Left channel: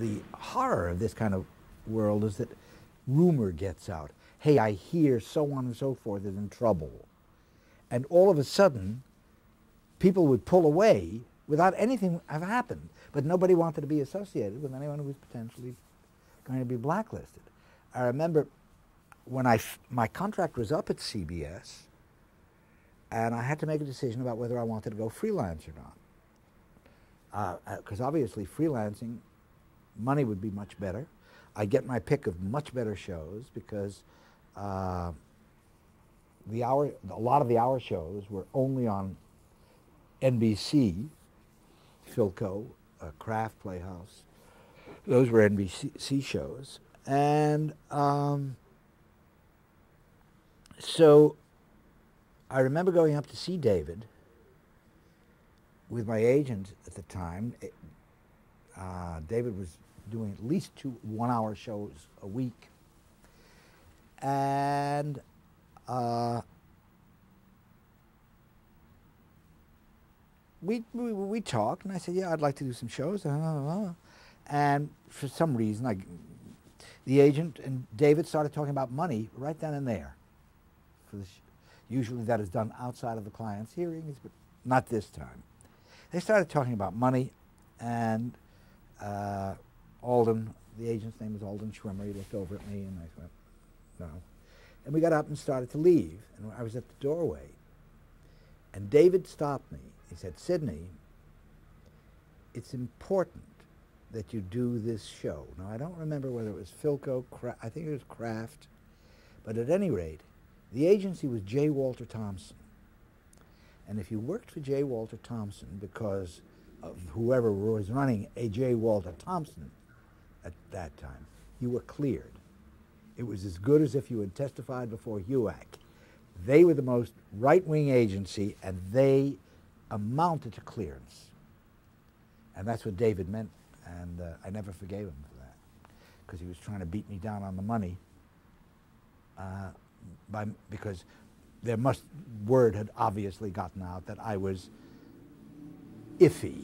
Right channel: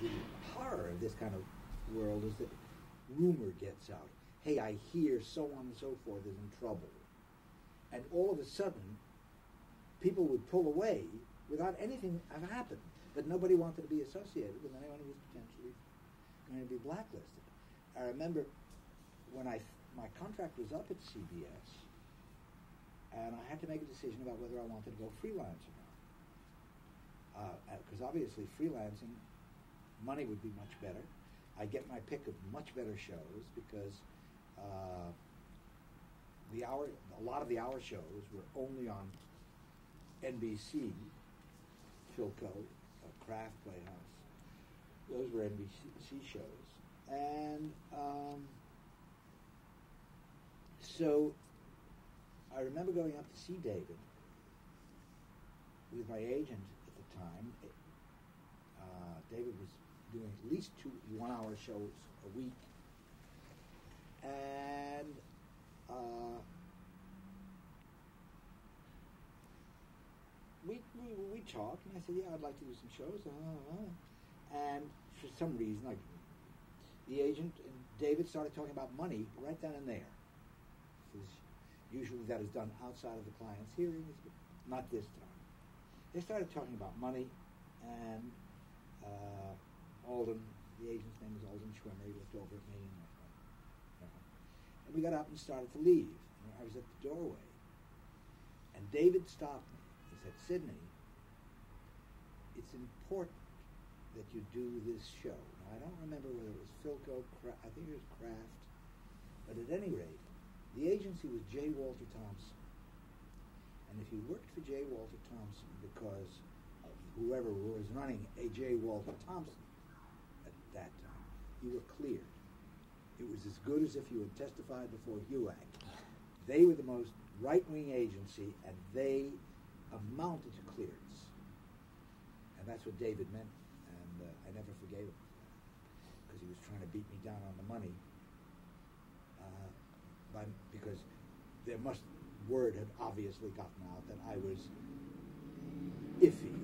the horror of this kind of world is that rumor gets out. Hey, I hear so on and so forth is in trouble. And all of a sudden, people would pull away without anything have happened. But nobody wanted to be associated with anyone who was potentially going to be blacklisted. I remember when my contract was up at CBS, and I had to make a decision about whether I wanted to go freelance or not. Because obviously freelancing, money would be much better. I'd get my pick of much better shows because a lot of the hour shows were only on NBC, Philco, Kraft Playhouse. Those were NBC shows. And so I remember going up to see David with my agent at the time. David was doing at least 2 one-hour shows a week. And we talked, and I said, yeah, I'd like to do some shows. And for some reason, the agent and David started talking about money right then and there. Usually that is done outside of the client's hearings, but not this time. They started talking about money, and Alden, the agent's name is Alden Schwimmer, he looked over at me, and I went, no. And we got up and started to leave, and I was at the doorway, and David stopped me. He said, Sidney, it's important that you do this show. Now, I don't remember whether it was Philco, I think it was Kraft, but at any rate, the agency was J. Walter Thompson. And if you worked for J. Walter Thompson because of whoever was running a J. Walter Thompson at that time, you were cleared. It was as good as if you had testified before HUAC. They were the most right-wing agency, and they amounted to clearance. And that's what David meant, and I never forgave him for that, because he was trying to beat me down on the money, because word had obviously gotten out that I was iffy.